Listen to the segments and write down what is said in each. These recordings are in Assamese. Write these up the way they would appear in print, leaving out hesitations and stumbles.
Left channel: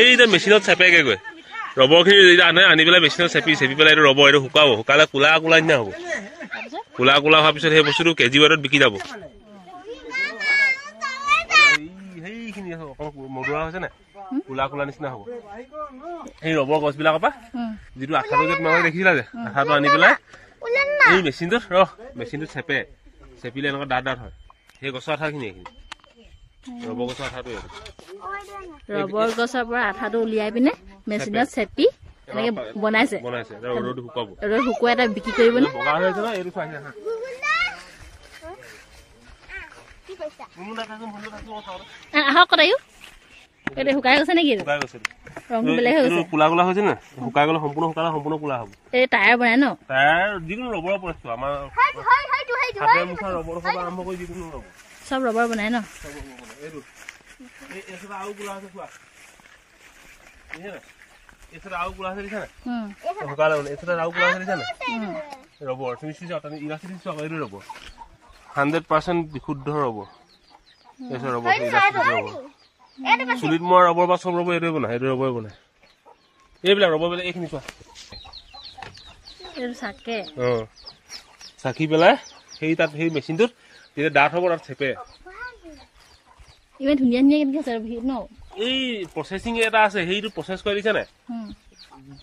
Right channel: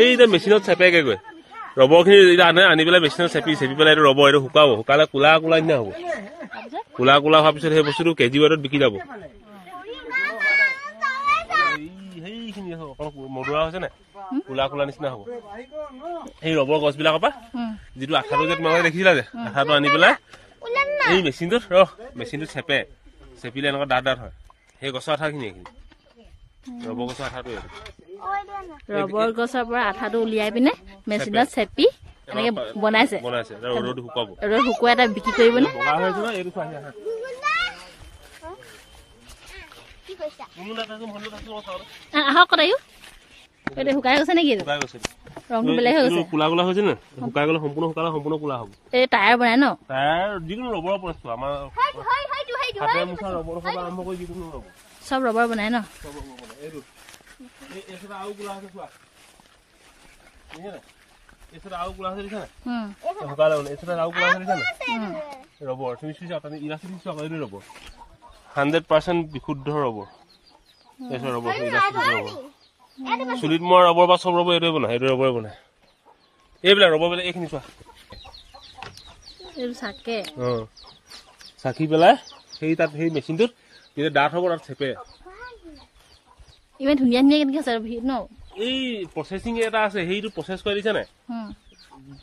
এইটা মেচিনত চেপেগে গৈ ৰবৰখিনি আনে আনি পেলাই মেচিনত চেপি পেলাই এইটো ৰবৰ এইটো শুকাব শুকালে কোলা কোলা নিচিনা হ'ব কোলা কোলা হোৱাৰ পিছত সেই বস্তুটো কেজি ৱেটত বিকি যাব সেইখিনি মদুৰা হৈছে নে কোলা কোলা নিচিনা হ'ব সেই ৰবৰ গছবিলাকৰ পৰা যিটো আঠাটো যে তোমালোকে দেখিছিলা যে আঠাটো আনি পেলাই এই মেচিনটোত মেচিনটোত চেপিলে এনেকুৱা ডাঠ ডাঠ হয় সেই গছৰ আঠাখিনি এইখিনি ৰবৰ গছৰ আঠাটো ৰবৰ গছৰ পৰা আঠাটো উলিয়াই পিনে মেচিনত চেপি এনেকে বনাইছে ৰ'দত শুকাব ৰ'দ শুকুৱাই এটা বিক্ৰী কৰিবনে বগা হৈছে ন এইটো চাই আহক কটায়ো এইটো শুকাই গৈছে নেকি ৰংটো বেলেগ হৈ গৈছে কোলা কোলা হৈছে নে শুকাই গ'লে সম্পূৰ্ণ শুকালে সম্পূৰ্ণ কোলা হ'ব এই টায়াৰ বনাই ন টায়াৰ যিকোনো ৰবৰৰ বস্তু আমাৰ হাতে মুখা ৰবৰ পৰা আৰম্ভ কৰি যিকোনো ৰবৰ সব ৰবৰ বনাই ন ৰবৰ তুমি ৰবৰ 100% বিশুদ্ধ ৰবৰ চুলিত মৰা ৰবৰ বা চব ৰবৰ এইটোৱে বনাই এইটো ৰবৰে বনাই এইবিলাক ৰবৰ বিলাক এইখিনি চোৱা চাকি পেলাই সেই তাত সেই মেচিনটোত যেতিয়া ডাঠ হ'ব তাত চেপে ইমান ধুনীয়া ধুনীয়া কেনেকে আছে ন এই প্ৰচেছিং এটা আছে সেইটো প্ৰচেছ কৰি দিছে নে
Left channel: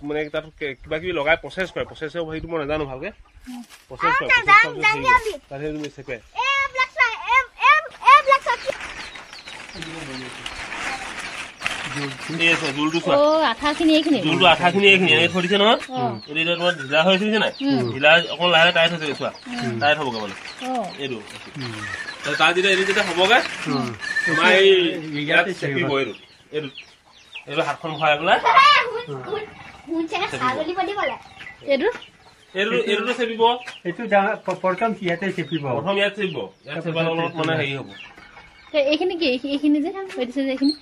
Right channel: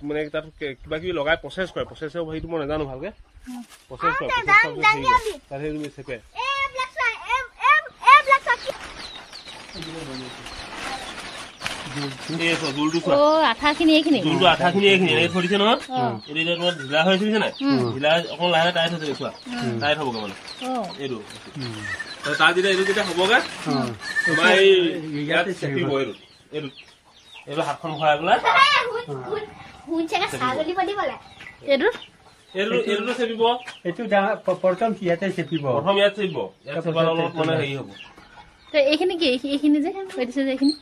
মানে তাত কিবা কিবি লগাই প্ৰচেছ কৰে প্ৰচেছ সেইটো মই নাজানো ভালকে প্ৰচেছ কৰে তাত সেইটো চেপে আঠাখিনি এইখিনি থৈছে নহয় এতিয়া তোমাৰ ঢিলা হৈ আছে নাই ঢিলা অকণ লাহে টাইট হৈছে চোৱা টাইট হ'বগে মানে এইটো তাৰ যেতিয়া হ'বগে তোমাৰ ইয়াত চেপিব এইটো হাতখন ভৰাই পেলাই এইটো চেপিব এইটো প্ৰথম ইয়াতে চেপিব ইয়াত চেপাৰ অলপ মানে হেৰি হ'ব এইখিনি কি এইখিনি যে কৈছে যে এইখিনি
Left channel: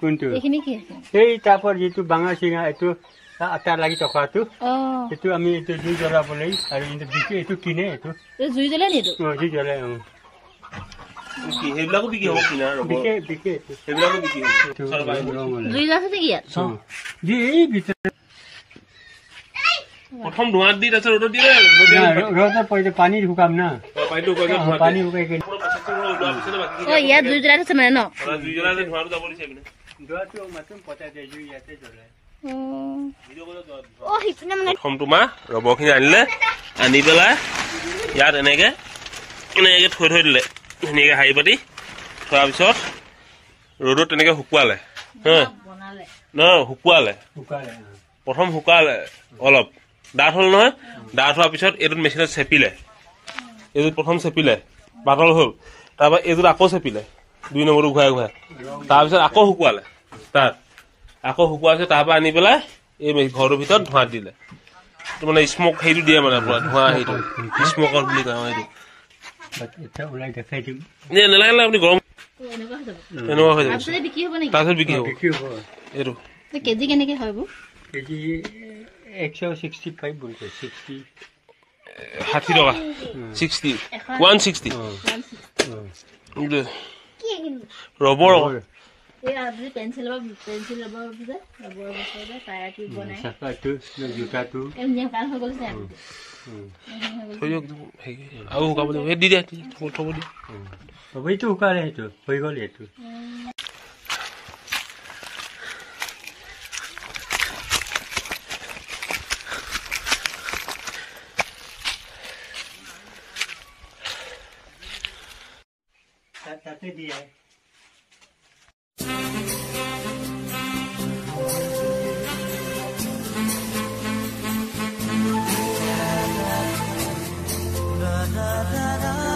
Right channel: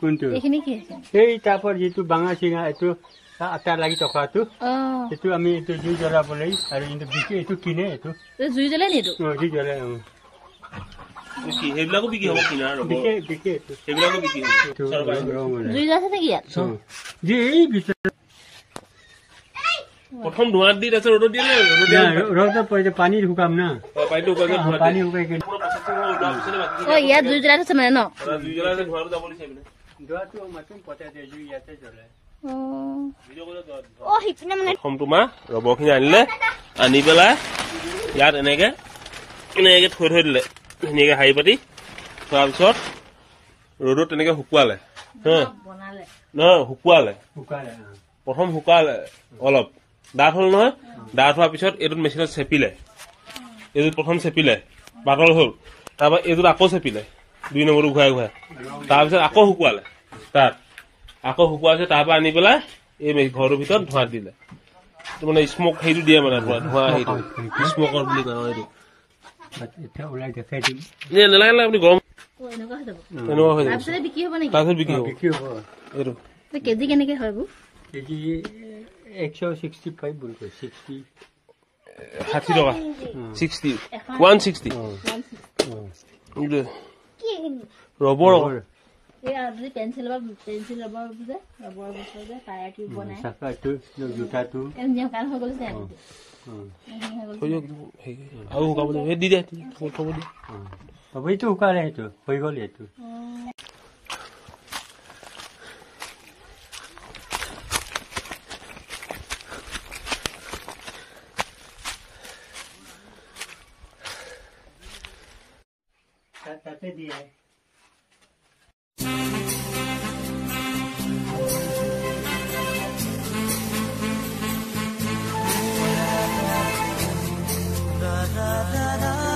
কোনটো এইখিনি কি আছে এই টাপৰ যিটো বাঙা চিঙা এইটো আটা লাগি থকাটো এইটো আমি এইটো জুই জ্বলাবলৈ আৰু এইটো কিনে এইটো জুই জ্বলাই নি এইটো জুই জ্বলাই সেইবিলাকো বিক্ৰী হ'ব কিনা সেইবিলাকো বিক্ৰী হ'ব জুই জ্বলাইছে নেকি ইয়াত প্ৰথম ধোঁৱাত দি তাৰপিছত ৰ'দত দিয়ে ৰ'দত পৰিলে পানী শুকাম না পানী শুকাই ইয়াত জুই জ্বলাই থৈছে মানে ন জুই জ্বলাই ধোঁৱাটো যাব দিছে প্ৰথম তোমাৰ ৰবৰখিনি আনিলে আনি পেলাই ইয়াত এনেকে থৈ দিলে ধুনীয়াকে শাৰী পাতি থোৱাৰ পিছত ৰ'দত তেনেকে শুকুৱালে নহয় শুকুৱালে প্ৰথম শুকালে অলপ ডাঠ হ'ল নহয় ডাঠ হোৱাৰ পিছত এইটোত মেচিনত চেপিলে এইটোত প্ৰথম চেপিলে পাতল হ'ল তাৰপৰা এইটোত আকৌ চেপিলে 2 নম্বৰটো ঘূৰাই তাৰপিছত আকৌ শুকুৱালে তাত আকৌ শুকুৱাৰ পিছত তাৰপৰা আনি পেলাই এই ঘৰটোৰ ভিতৰত ধোঁৱাত দিলে মানে স্মক সেইটো দিয়ে মানে পুৰা ধোঁৱা সেইটো স্মকৰ বুলি কয় সেইটো নালাগে আপুনি গৰম এনেকুৱা হৈ যাব তাৰপিছত বিক্ৰী হ'ব এইটো কেজি কেনেকে হয় এইবোৰ কেজি 165 বলছে 60 টকা 60 160 ৰবৰ এই আপনি পেন্সিল ৰবৰ যে ৰবৰ বছৰ যে টায়াৰ টিউব বনাই সাকাটো জুতাটো এনে কাল হৈ গ'ল যে আৰু শুকাব দি দিয়া থব দি এইটো শুকালে সেইটো হৈ গ'ল এইটো তাতে দিয়ে da da da da